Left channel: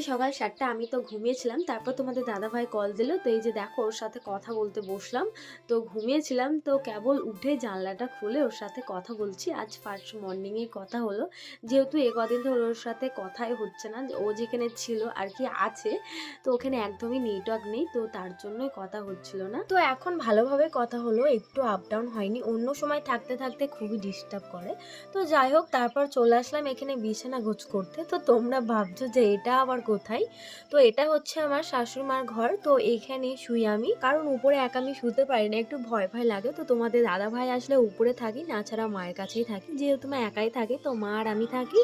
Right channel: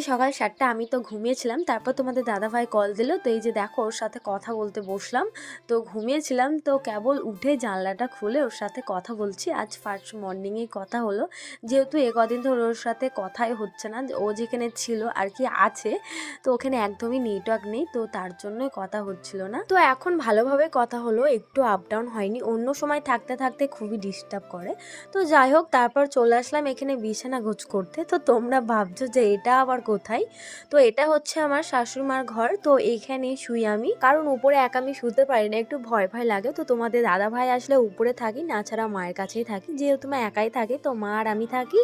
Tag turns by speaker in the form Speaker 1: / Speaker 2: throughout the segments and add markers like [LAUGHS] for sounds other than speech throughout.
Speaker 1: বাজে সকাল সাতটা আমি তো ঘুমিয়েছিলাম, তারপর তোমাদের দাদাভাই কল দিল। তো এই যে দেখো, ওর সাথে কথা বলতে বসলাম। তো ঘুমিয়েছিলাম, তো কেবল উঠে জানলাটা খুলে ওর সাথে কথা বলছি। আজ ফার্স্ট মর্নিংয়েই কথা হলো। যেহেতু এ কদিন ধরে ওর সাথে কথাই হচ্ছে না, ও যেখানে ছিল আর কি আছে, তো ওখানে একদমই নেটওয়ার্ক নেই, তো তার জন্যই কথা হচ্ছিল না। তো এখন ভালোভাবে কথা হলো, একটু আপ ডাউন হয়নি, অন্য সময় থাকতে থাকতে খুবই ডিস্টার্ব করে। তো যাই হোক, তারপর চলে আসলাম এখানে বিছানা গোছ করতে। তো তোমরা ভাবছ যে এটা আবার কোথায়? তো এটা হচ্ছে আমার শাশুড়ি মার ঘর। তো এইখানে শুই আমি। কারণ উপরে একা আমি শুতে পারি না, একটু ভয় ভয় লাগে। তো তোমাদের দাদা ভাই আসলে উপরে থাকি, না ছাড়া মায়ের কাছেই থাকি। যেহেতু মা একাই থাকে, তো মা আর আমি থাকি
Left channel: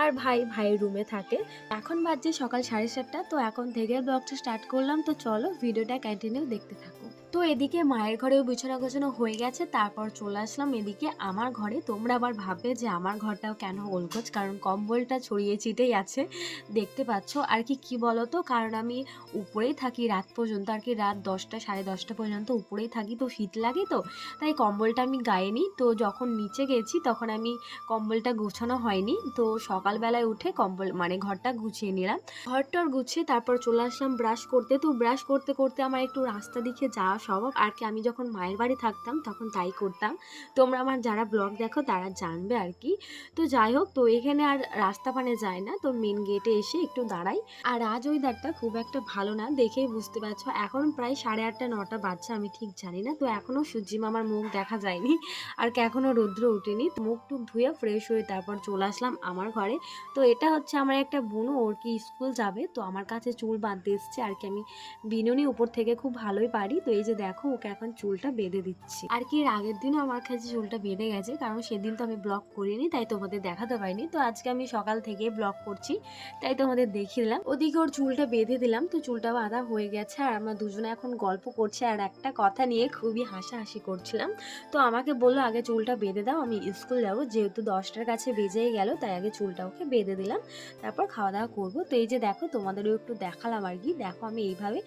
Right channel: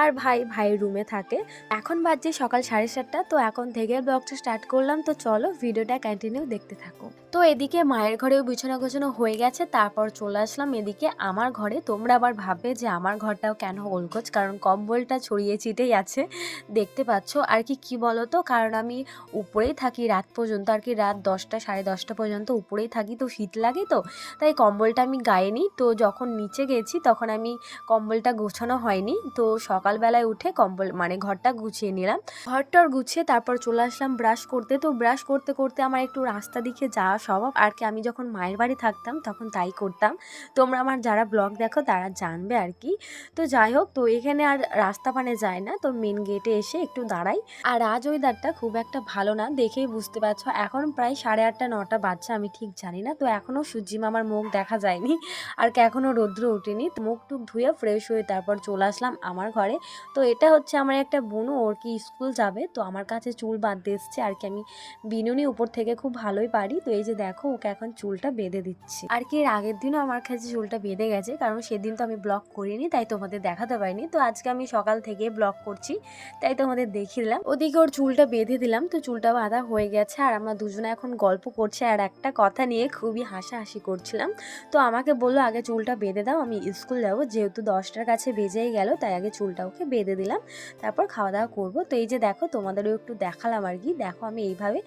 Speaker 1: আর ভাই ভাই রুমে থাকে। এখন বাজছে সকাল সাড়ে সাতটা। তো এখন থেকে ব্লগটা স্টার্ট করলাম। তো চলো ভিডিওটা কন্টিনিউ দেখতে থাকো। তো এদিকে মায়ের ঘরেও বিছানা গোছানো হয়ে গেছে। তারপর চলে আসলাম এদিকে আমার ঘরে। তোমরা আবার ভাববে যে আমার ঘরটাও কেন ওলকোচ কারণ কম্বলটা ছড়িয়ে ছিটেই আছে। দেখতে পাচ্ছ আর কি কি বলো তো কারণ আমি উপরেই থাকি রাত পর্যন্ত, আর কি রাত দশটা, সাড়ে দশটা পর্যন্ত উপরেই থাকি, তো শীত লাগে তো। তাই কম্বলটা আমি গায়ে নিই, তো যখন নিচে গেছি তখন আমি কম্বলটা গোছানো হয়নি, তো সকালবেলায় উঠে কম্বল মানে ঘরটা গুছিয়ে নিলাম। ঘরটার গুছিয়ে তারপর চলে আসলাম ব্রাশ করতে, তো ব্রাশ করতে করতে আমার একটু রাস্তা দিকে যাওয়া স্বভাব আর কি আমি যখন মায়ের বাড়ি থাকতাম তখন তাই করতাম। তোমরা আমার যারা ব্লগ দেখো তারা জানবে আর কি। তো যাই হোক, তো এখানে আর রাস্তা পানে যায় না, তো মেন গেটে এসে একটু দাঁড়াই। আর আজ ওয়েদারটা খুব একটা ভালো না, দেখেই বুঝতে পারছ। এখন প্রায় সাড়ে আটটা, নটা বাজছে, আমি ঠিক জানি না। তো এখনও সূর্যি মামার মুখ দেখা যায়নি আর এখনও রৌদ্র ওঠেনি। মুখ টুক ধুয়ে ফ্রেশ হয়ে তারপর চলে আসলাম আমার ঘরে। তো এটা হচ্ছে আমার একটা বোনও, ওর কি স্কুল যাবে। তো আমার কাছে চুল বাঁধতে এসছে আর কি আমি বিনুনি উপর থেকে খুব ভালোই পারি। তো এই যে দেখো, ওকে এখন চুলটা বেঁধে দিচ্ছি। আর কি এর আগের দিনও আমার কাছে চুলটা বেঁধে গেছে, কারণ সেদিন তো আমি ব্লগ করিনি, তাই তোমাদের দেখাতে পারিনি। তো আজকে আমি সকাল থেকে ব্লগ করছি, তাই তোমাদের দেখিয়ে দিলাম। ওদিকে ওর চুলটা বেঁধে দিলাম, তো চুলটা বাঁধা হয়ে গেছে আর আমরা দুজনে এখন গল্প করছি আর একটা কথা নিয়ে খুবই হাসাহাসি করছিলাম। তো আমাকে বলল, আগে চুলটা বেঁধে দাও, আমি স্কুল যাব। যেহেতু দশটার কাছে বেজেই গেল, তাই আগে চুলটা ওকে বেঁধে দিলাম। তারপর খাওয়া দাওয়া করব। তো এই যে দেখো, তোমাদেরও একটু দেখালাম আর কি। দেখো, আমি এইভাবে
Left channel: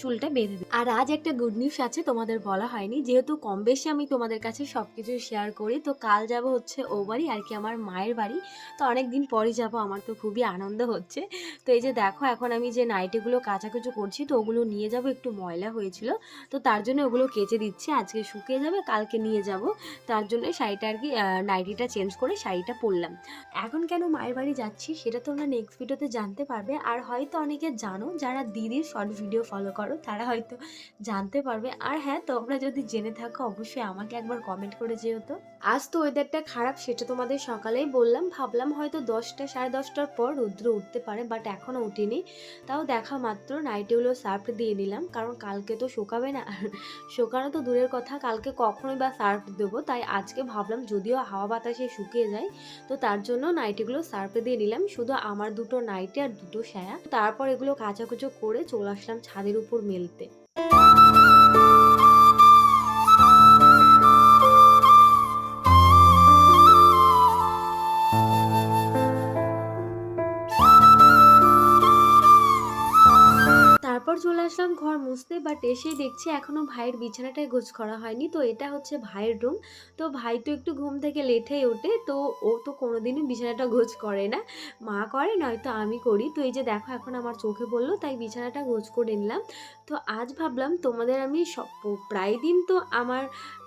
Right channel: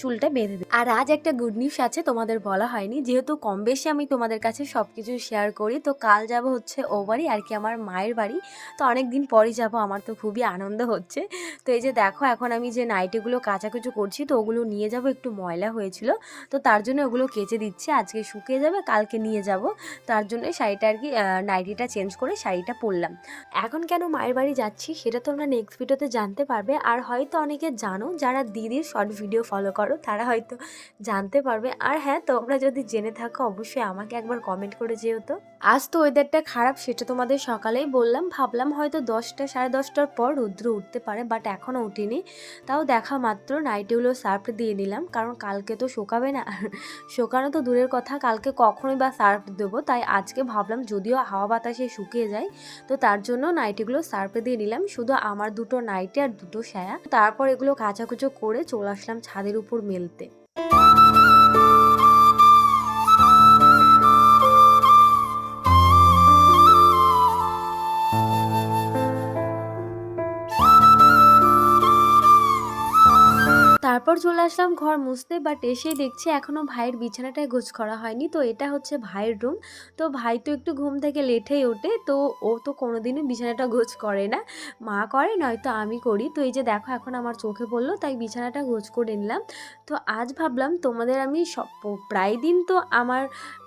Speaker 1: চুলটা বেঁধে দিই আর আজ একটা গুড নিউজ আছে, তোমাদের বলা হয়নি। যেহেতু কম বেশি আমি তোমাদের কাছে সব কিছু শেয়ার করি, তো কাল যাব হচ্ছে ও বাড়ি আর কি আমার মায়ের বাড়ি। তো অনেক দিন পরই যাব, আমার তো খুবই আনন্দ হচ্ছে। তো এই যে দেখো এখন আমি যে নাইটিগুলো কাচাকুচো করছি তো ওগুলো নিয়ে যাব, একটু ময়লা হয়েছিল। তো তার জন্য ওগুলো কেচে দিচ্ছি, আজকে শুকিয়ে যাবে, কালকে নিয়ে যাব। তার জন্য শাড়িটা আর কি নাইটিটা চেঞ্জ করে শাড়িটা পরলাম। এখন কেন মায়ের বাড়ি যাচ্ছি সেটা তোমরা নেক্সট ভিডিওতে জানতে পারবে। আর হয়তো অনেকে জানো, যারা দিদির শর্ট ভিডিও ফলো করো, তারা হয়তো জানতে পারবে। আর হ্যাঁ তোমরা যদি জেনে থাকো, অবশ্যই আমাকে একবার কমেন্ট করে যেও তো। আজ তো ওয়েদারটা খারাপ, সেটা তোমাদের সকালেই বললাম। ভাবলাম হয়তো দশটা, সাড়ে দশটার পর রৌদ্র উঠতে পারে বাট এখনও উঠিনি। তাও দেখা মাত্র নাইটিগুলো সার্ফ দিয়ে নিলাম। কারণ কালকে তো শোকাবে না। [LAUGHS] শোকানো তো দূরের কথা। কালকে কখনোই বা সার্ফ দেবো। তাই আজকে ভাবলাম যদিও হাওয়া বাতাসে শুকিয়ে যায়, তো তার জন্য নাইটিগুলো সার্ফ দিয়ে নিলাম। শুধু আমার দুটো নাইটি আর দুটো সায়া তারপর এগুলো কাচাকুচো করে চলে আসলাম ছাদের উপর মেলতে। চলে আসলাম ঘর মুছতে বাট এসে দেখছি এখনও ভাইয়ের বিছানাটায় গোছ করা হয়নি। তো এটা হচ্ছে ভাইয়ের রুম তো ভাই তো একটু ঘুম থেকে লেটেই ওঠে, তো ও তো কোনোদিনই বিছানাটা গোছ করে না। মা করে, নয়তো আমি করি। তো এই যে দেখো, এখন আমার চোখে পড়ল, তাই বিছানাটা গোছ করে নিলাম। তো আজ ভাবলাম তোমাদের আমি সব, প্রায় দিন তো আমার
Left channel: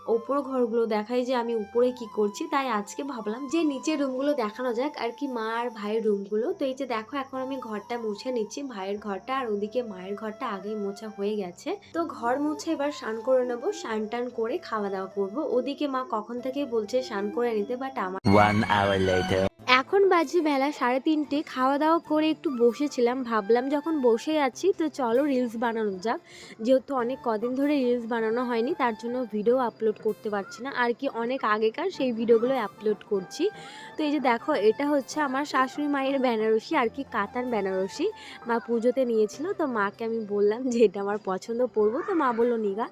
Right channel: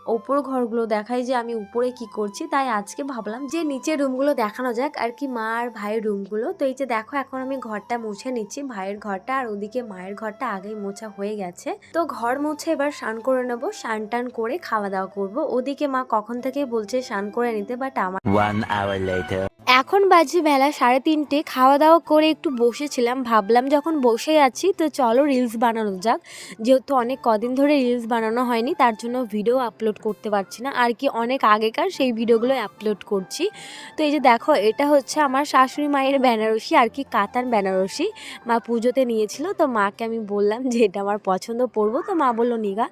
Speaker 1: ওপর ঘরগুলো দেখাই যে আমি উপরে কি করছি, তাই আজকে ভাবলাম যে নিচের রুমগুলো দেখানো যাক আর কি মা আর ভাইয়ের রুমগুলো তো এই যে দেখো, এখন আমি ঘরটা মুছে নিচ্ছি, ভাইয়ের ঘরটা আর ওদিকে মায়ের ঘরটা আগেই মোছা হয়ে গেছে। তো ঘর মুছে এবার স্নান করে নেব, স্নান টান করে খাওয়া দাওয়া করব। ওদিকে মা কখন থেকে বলছে স্নান করে নিতে বাট আমার. এখন বাজে বেলা সাড়ে তিনটে খাওয়া দাওয়া করে একটু বসেছিলাম, ভাবলাম যখন বসে আছি তো চলো রিলস বানানো যাক। যেহেতু অনেক কদিন ধরে রিলস বানানো হয়নি, তার জন্য ভিডিও আপলোড করতে পারছি না। আর কি অনেক আগেকার সেই ভিডিওগুলো আপলোড করছি। তো এই যে দেখো, এটা হচ্ছে আমার শাশুড়ি মায়ের বেনারসি, আর কি কাতার বেনারসি। মা পুজোতে নিয়েছিল, তো মাকে আমি বললাম যে এটা আমার পছন্দ, পরবো। তো মা বলল, নিগা।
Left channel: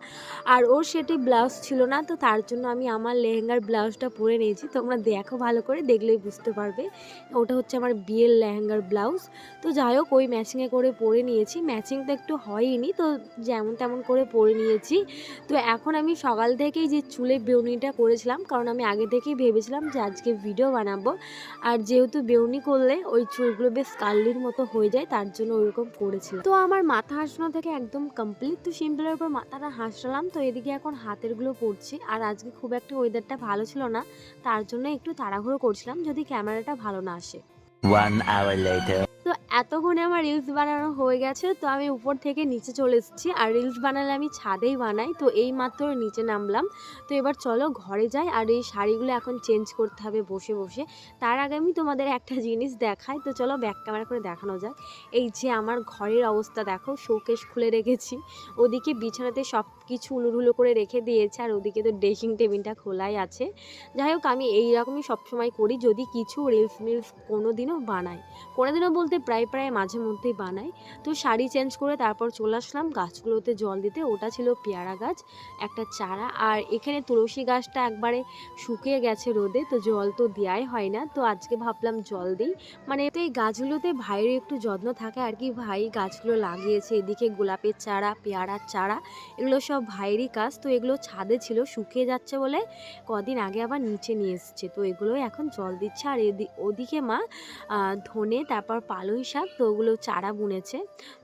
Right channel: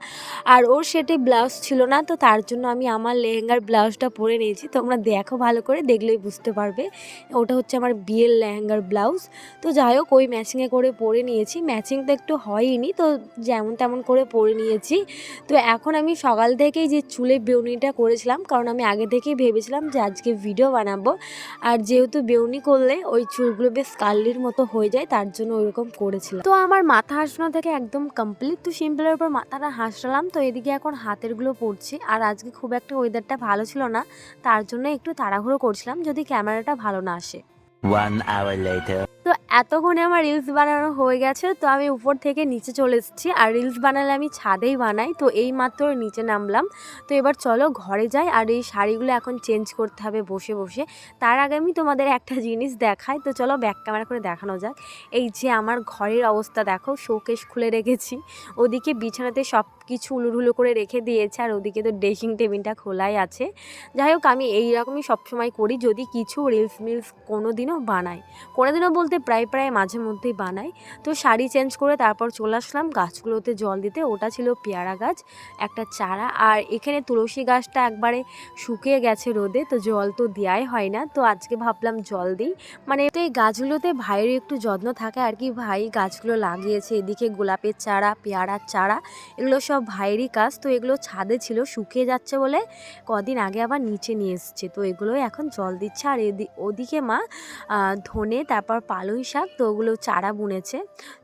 Speaker 1: আর ওর সেটি ব্লাউজ ছিল না, তো তার জন্য আমি আমার লেহেঙ্গার ব্লাউজটা পরে নিয়েছি। তোমরা দেখো ভালো করে, দেখলেই বুঝতে পারো পারবে। ওটা হচ্ছে আমার বিয়ের লেহেঙ্গার ব্লাউজ। তো যাই হোক, ওই ম্যাচিংয়ে করে পরে নিয়েছি। ম্যাচিং তো একটু হয়নি তো যেমন তেমন করে পরে নিয়েছি। তো এখন আমি সকাল থেকেই যে চুলে বেউনিটা করেছিলাম, কারণ আমি আগে থেকেই ভেবেছিলাম যে আজকে ভিডিও বানাবো। আর যেহেতু বেউনি করলে ওই চুলগুলো বেশ কার্লির মতো হয়ে যায়, তার জন্য ওইরকম করেছিলাম। তো আমার মাথা হাসানো থেকে একদম কমপ্লিট তো সিম্পলের উপর মাথাটা হাসলাম। তো এদিকে এখন হাতেরগুলো পড়ছি আর আজকে খুব একটা ওয়েদারটা ভালো ছিল না, তার জন্য একটু তাড়াহুড়ো করছিলাম। যদি ক্যামেরাটা ভালো না আসে।
Speaker 2: One hour later.
Speaker 1: তো এতক্ষণে আমার রিলস বানানো হয়ে গেছে তো আমি উপর থেকে নিচে চলে এসেছি। আর রিলস বানালে আমি ছাদেই বানাই তো এই মাত্র নিচে নামলাম। তো এবার চলো ঘরে যাই আর এই শাড়িগুলো এখন চেঞ্জ করতে হবে বসে বসে। তার আগে আমি তোমাদের একটা জিনিস দেখাই তো চলো ব্যাক ক্যামেরা করে দেখানো যাক। এই যে আমার ঘরের অবস্থা দেখো শোকেশ খুলে রেখেছি। ওদিকে বিছানাতে সব কিছু উলুঢুলো করে রেখে দিয়েছে আর ওদিকে তো ড্রেসিং টেবিলটা খোলাই আছে। যাই হোক আমি এইরকমই সবসময় করি, যদি কিছু রিলস মিলস কোনো দিনও বানাই। কোনো দিনও বলতে প্রায় প্রায় মাঝে মধ্যেই বানাই। তো শাড়ি চেঞ্জ করে তারপর চলে আসলাম গাছগুলোতে জল দিতে। ওটা ছিল পেয়ারা গাছ, একটা চারা। আর এখানে তুলসী গাছটা একবারে শুকিয়ে গেছে রোদে, তো জল তো দেওয়াই হয় না। তো আজকে ভাবলাম জল দিই। মানে এই গাছগুলোতে ভাইয়ের একটু যত্ন থাকে আর কি, ভাই গাছগুলো লাগিয়েছে, এদিকে গোলাপের চারা, পেয়ারার চারা, এগুলো সব ভাইয়েরই কাজ, তো এগুলো ছাদে ছিল, শুকিয়ে যাচ্ছে বলে কদিন আগে আবার নিচে নিয়ে এসছে। তো এগুলো এখন জল দিচ্ছে। আর ওদিকে মা ধনে, তারপর পালং শাক, তো ওগুলো চারা বুনেছে।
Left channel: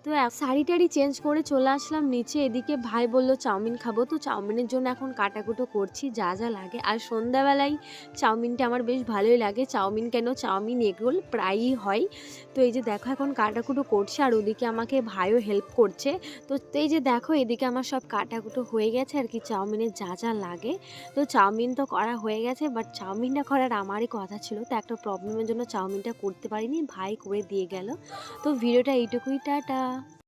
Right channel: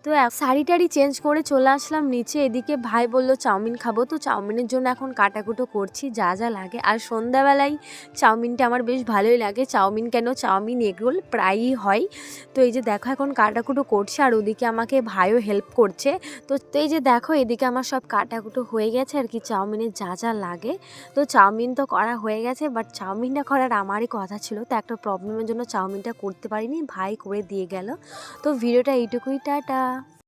Speaker 1: তো শাড়ি টাড়ি চেঞ্জ করে চলে আসলাম নিচে। এদিকে ভাই বলল, চাউমিন খাব। তো চাউমিনের জন্য এখন কাটাকুটো করছি, যা যা লাগে। আর সন্ধ্যাবেলায় চাউমিনটা আমার বেশ ভালোই লাগে। চাউমিন কেন? চাউমিন এগরোল প্রায়ই হয়। তো এই যে দেখো, এখন কাটাকুটো করছে। আর ওদিকে আমাকে ভাইও হেল্প করছে। তো এই যে দেখো, এদিকে আমার সব কাটাকুটো হয়ে গেছে আর কি, চাউমিনের যা যা লাগে। তো চাউমিন তো করা হয়ে গেছে বাট চাউমিনটা করার আমারই কথা ছিল। তো একটা প্রবলেমের জন্য চাউমিনটা করতে পারিনি, ভাই করে দিয়ে গেল। তো ভিডিওটা এইটুকুই, টাটা।